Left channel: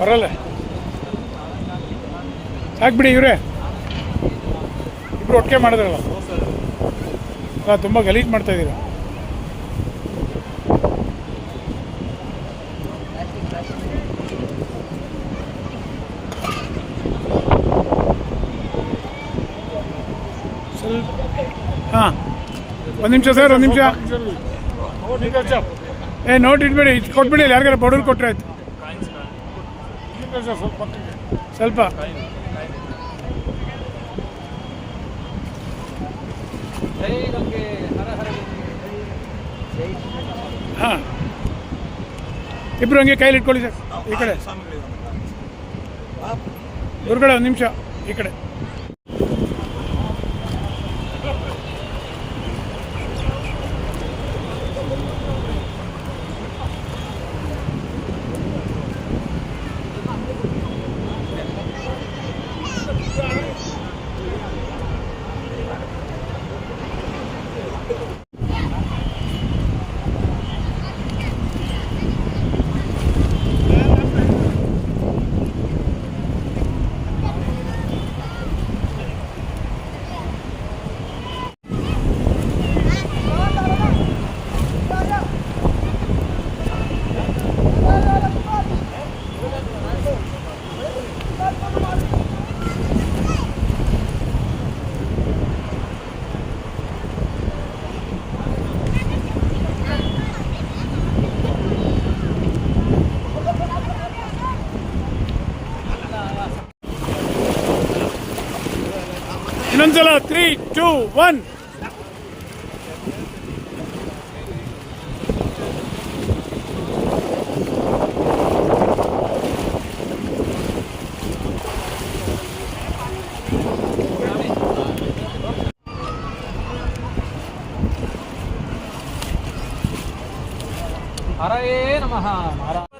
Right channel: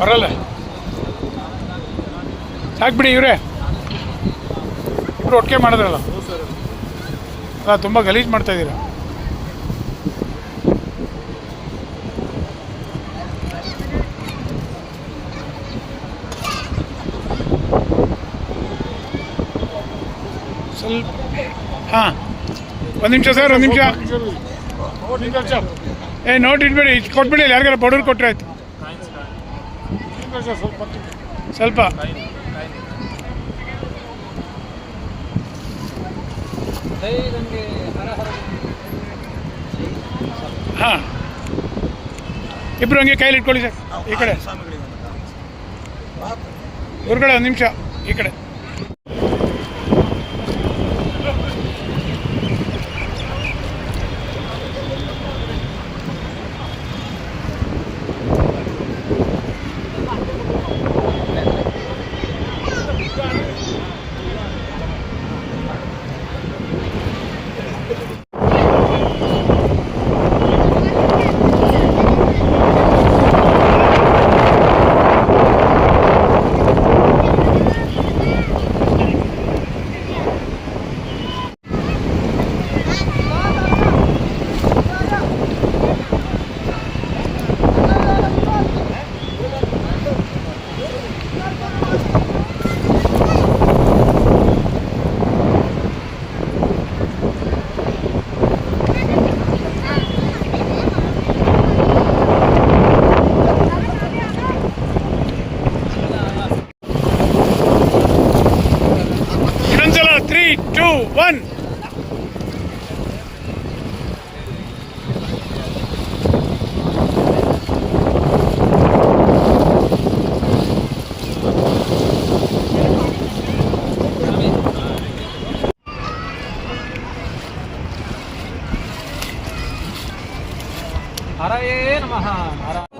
ಬರಲ್ಲ. ಸಾಕ್ಬಿಡಿ ಇವರೇ. ಇಬ್ರು ಒಟ್ಟಿಗೆ ಮಾಡಿದ್ರಲ್ಲ. ಅಲ್ಲ ತುಂಬ ಗಲೀಜು ಮಾಡ್ತಾ ಹಾಂ. ಒಂದು ನಿಮಿಷ ಸರ್, ಒಂದು ನಿಮಿಷ. ಏ ನೋಟ್ ಇಟ್ಬೇಡಿ ಇದು ಕೊಟ್ಬಿಡಿ ಯಾರಿಗಾರ ಬಡವ್ರು ಕೊಟ್ಟರೆ ಆಯ್ತು. ಸ್ವಲ್ಪ. ಹಾಂ. ಇಬ್ರು ಹಂಗೆ ಕೈಲಿ ಇಟ್ಕೊಳ್ಳಿ ಸರ್, ಈ ಕಡೆ. ಗುರುಗಳೇ, ಒಂದು ನಿಮಿಷ, ಈ ಕಡೆ. Angela, three, two, one. हरा ये नमः हरा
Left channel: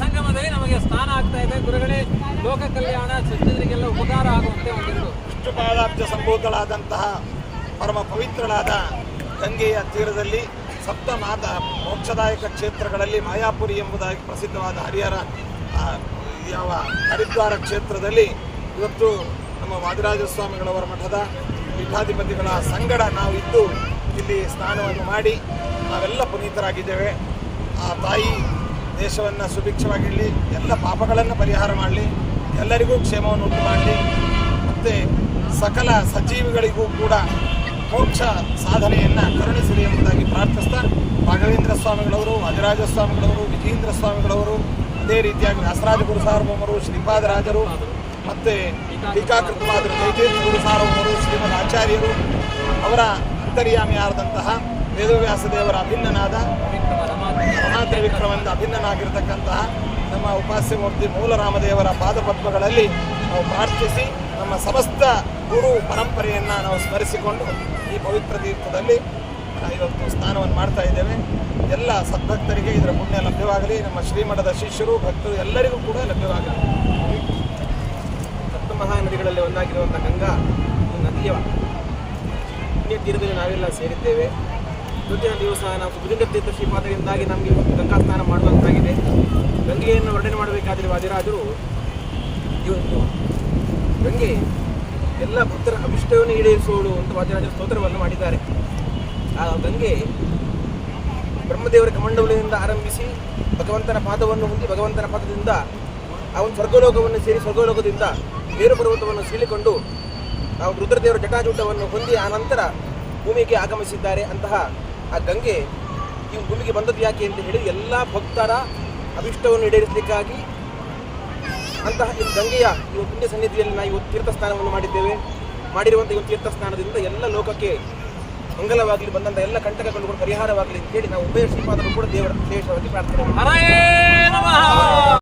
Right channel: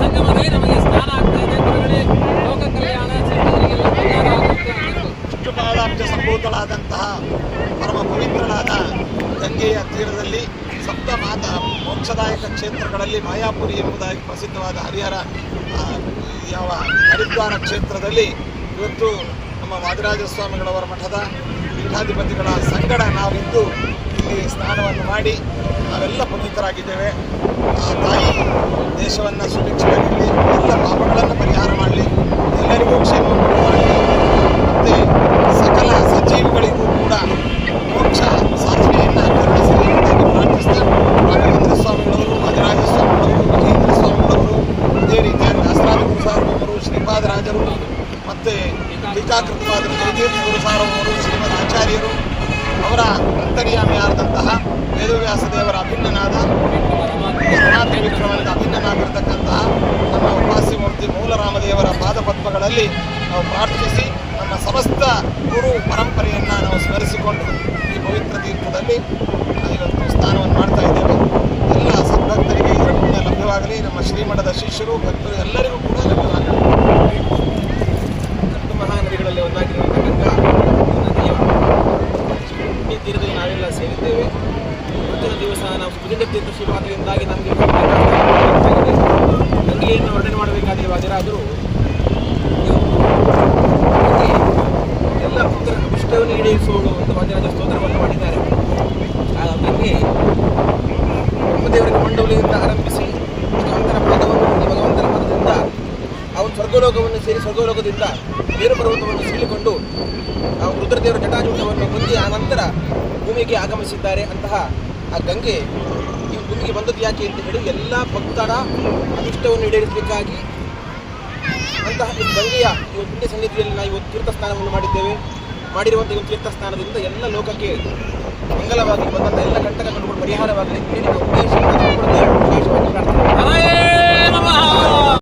ಸಂಗಮದಲ್ಲಿ ನಮಗೆ ಸ್ನಾನ ಆಗ್ತಾ ಇದೆ. ಗುರುಗಳೇ, ಲೋಕ ಕಲ್ಯಾಣ ಜನರಿಗೆಲ್ಲ ಉಪಕಾರ ಆಗುತ್ತೆ ಅಂದಿರು ವಿಷ್ಣುಪಾದಾಬ್ಜ ಸಂಭೂತಳಾದಂತಹ ಪರಮ ಪವಿತ್ರಳಾದ ಗಂಗೆಯ ತೀರದಲ್ಲಿ ಸಪ್ತನಾಥ ಮೋಕ್ಷದಾಯಕ ಕ್ಷೇತ್ರಗಳಲ್ಲಿ ಮಾಯಾಪುರಿ ಎಂಬುದಾಗಿ ಪ್ರಸಿದ್ಧವಾದ ಹರಿಹರ ಯಾವ ಹರಿದ್ವಾರ ಕ್ಷೇತ್ರದಲ್ಲಿ ಇವತ್ತು ನಮ್ಮ ವಾದಿರಾಜ ಸ್ವಾಮಿಗಳವರ ಮಠದ ಪೀಠಾಧಿಪತಿಗಳ ಸಂಗಡ ನಾವು ಇದ್ದು ಇಲ್ಲಿ ಸ್ನಾನವನ್ನು ಮಾಡಿ ನಾವೆಲ್ಲ ಪುನೀತರಾಗಿದ್ದೇವೆ. ಆ ತಾಯಿ ದೇಶವನ್ನು ಸುಭಿಕ್ಷವಾಗಿರಲಿ ಎಲ್ಲ ಪಾಪಗಳನ್ನು ಪರಿಹಾರ ಮಾಡಲಿ ಎಲ್ಲರಿಗೂ ಕ್ಷೇಮವನ್ನು ಮಾಡಲಿ ಮತ್ತು ಸಕಲ ಸಜೀವಿಗಳಿಗೂ ಕೂಡ ಮೋಕ್ಷ ಸಾಧನೆಯನ್ನು ಕರುಣಿಸಲಿ ಎಂಬುದಾಗಿ ಪ್ರಾರ್ಥಿಸ್ತಾ ರಾಘವೇಂದ್ರ ಸ್ವಾಮಿಗಳವರು ವಾದಿರಾಜ ಸ್ವಾಮಿಗಳವರು ವಿಜೇಂದ್ರ ಸ್ವಾಮಿಗಳವರು ಇದೇ ರೀತಿಯಾಗಿ ವ್ಯಾಸರಾಜ ಗುರು ಸಾರ್ವಭೌಮರು ಶ್ರೀಪಾದರಾಜರು ಮತ್ತು ಟೀಕಾಕೃತವಾದ ಜಯತೀರ್ಥ ಗುರುಸಾರವರು ಶ್ರೀಮದ್ ಆಚಾರ್ಯರು, ಅವರ ಅಂತರ್ಯಾಮಿಯಾದಂತಹ ವೇದವ್ಯಾಸ ದೇವರ ಅಭಿನ್ನನಾದ ರಮಾತ್ರ ವಿಕ್ರಮದಿಂದ ಅಭಿನ್ನನಾಗಿರ್ತಕ್ಕಂತಹ ನಮ್ಮ ಉಪಾಸ್ಯ ಮೂರ್ತಿ ಮೂಲರಾಮದೇವರ ಪಾದಪದ್ಮಗಳಲ್ಲಿ ನಾವು ಪ್ರಾರ್ಥಿಸಿ ನಮ್ಮ ಸಮಸ್ತ ಗುರು ಪರಂಪರೆಯನ್ನು ನಾವು ಸ್ಮರಿಸಿಕೊಂಡು ಈ ಪವಿತ್ರ ತೀರ್ಥದಲ್ಲಿ ಇವತ್ತು ಸ್ನಾನವನ್ನು ಮಾಡ್ತಾ ಇದ್ದೇವೆ. ಎಲ್ಲ ಸದ್ಭಕ್ತರಿಗೆ ಇದರ ಪುಣ್ಯ ಲಭ್ಯವಾಗಲಿ. ನಮ್ಮ ಶ್ರೀಮಠದ ಶಿಷ್ಯರು, ಭಕ್ತರು ಎಲ್ಲರಿಗೂ ಕೂಡ ಲಭ್ಯವಾಗಲಿ. ಸಪ್ತ ಮಹಾನದಿಗಳಲ್ಲಿ ಒಂದಾಗಿರುವಂಥ ಗಂಗಾ ನದಿಯ ಪುಣ್ಯ ತೀರದಲ್ಲಿ ನಾವೆಲ್ಲ ಸೇರಿದ್ದೇವೆ. ಇವತ್ತಿನ ದಿವಸ ನಾವು ಸುಭುಜಂಗ ತೀರ್ಥ ಶ್ರೀಪಾದದಿಂದಾಗಿ ನಮಗೆ ಗೊತ್ತಾಗಿದೆ ಗಂಗೆಯನ್ನು ವರ್ಣನೆ ಮಾಡಬೇಕಾಗಿರುವ ಅದಿರಾದರೂ ಎಲ್ಲ ಭಕ್ತರ ಅಭಿಷ್ಟವನ್ನು ಈಡೇರಿಸುವಳು ಅಂತ ವಾದಿರಾಜ ಸ್ತೋತ್ರವನ್ನು ಮಾಡಿದ್ದಾರೆ. ಆ ಗಂಗೆ ಬ್ರಹ್ಮದೇವರ ಕಮಂಡವಲಿಯಿಂದ ಆರಂಭಿಸಿ ಭಗವಂತನ ಪಾದವನ್ನು ಹೊಂದಿ ಭಗವಂತನ ಪಾದದಿಂದ ಆ ಒಂದು ಸ್ವರ್ಗಲೋಕವನ್ನು ಸೇರಿ ಸ್ವರ್ಗಲೋಕದಿಂದ ಬೇರು ಪರ್ವತವನ್ನು ಸೀಳಿಕೊಂಡು ನಾವು ರುದ್ರದೇವರ ಜಟಾಜೂಟವನ್ನು ಹೊಂದಿ ಆ ನಂತರ ಭೂಮಿಗೆ ಆಗಮಿಸಿದ್ದಾರೆ ಅಂತಹ ಆ ಗಂಗೆ ಈ ಭೂಮಿಗೆ ಬಂದದ್ದು ಯಾಕೆ ಅಂತ ಹೇಳಿ ಎಲ್ಲ ಭಕ್ತರ ಅಭಿಷ್ಟವನ್ನು ಈಡೇರಿಸಲಿಕ್ಕಾಗಿ ಅಂತಹ ಈ ಗಂಗೆಯ ಈ ಪುಣ್ಯ ಸನ್ನಿಧಿಯಲ್ಲಿ ನಾವು ಇವತ್ತು ತೀರ್ಥ ಸ್ನಾನವನ್ನು ಮಾಡಿದ್ದೇವೆ. ಮಾಡಿರುವಂಥ ಇವತ್ತು ಒಂದು ತೀರ್ಥ ಸ್ನಾನದಿಂದ ಎಲ್ಲ ಲೋಕಕ್ಕೆ ಮಂಗಲವಾಗಲಿ ಬಂದಂಥ ಎಲ್ಲ ಕಂಟಕಗಳು ಕೂಡ ಪರಿಹಾರವಾಗಲಿ ಹೇಳಿ ನಾವು ಉದ್ದೇಶ ಕೂಡ ಪ್ರಾರ್ಥನೆ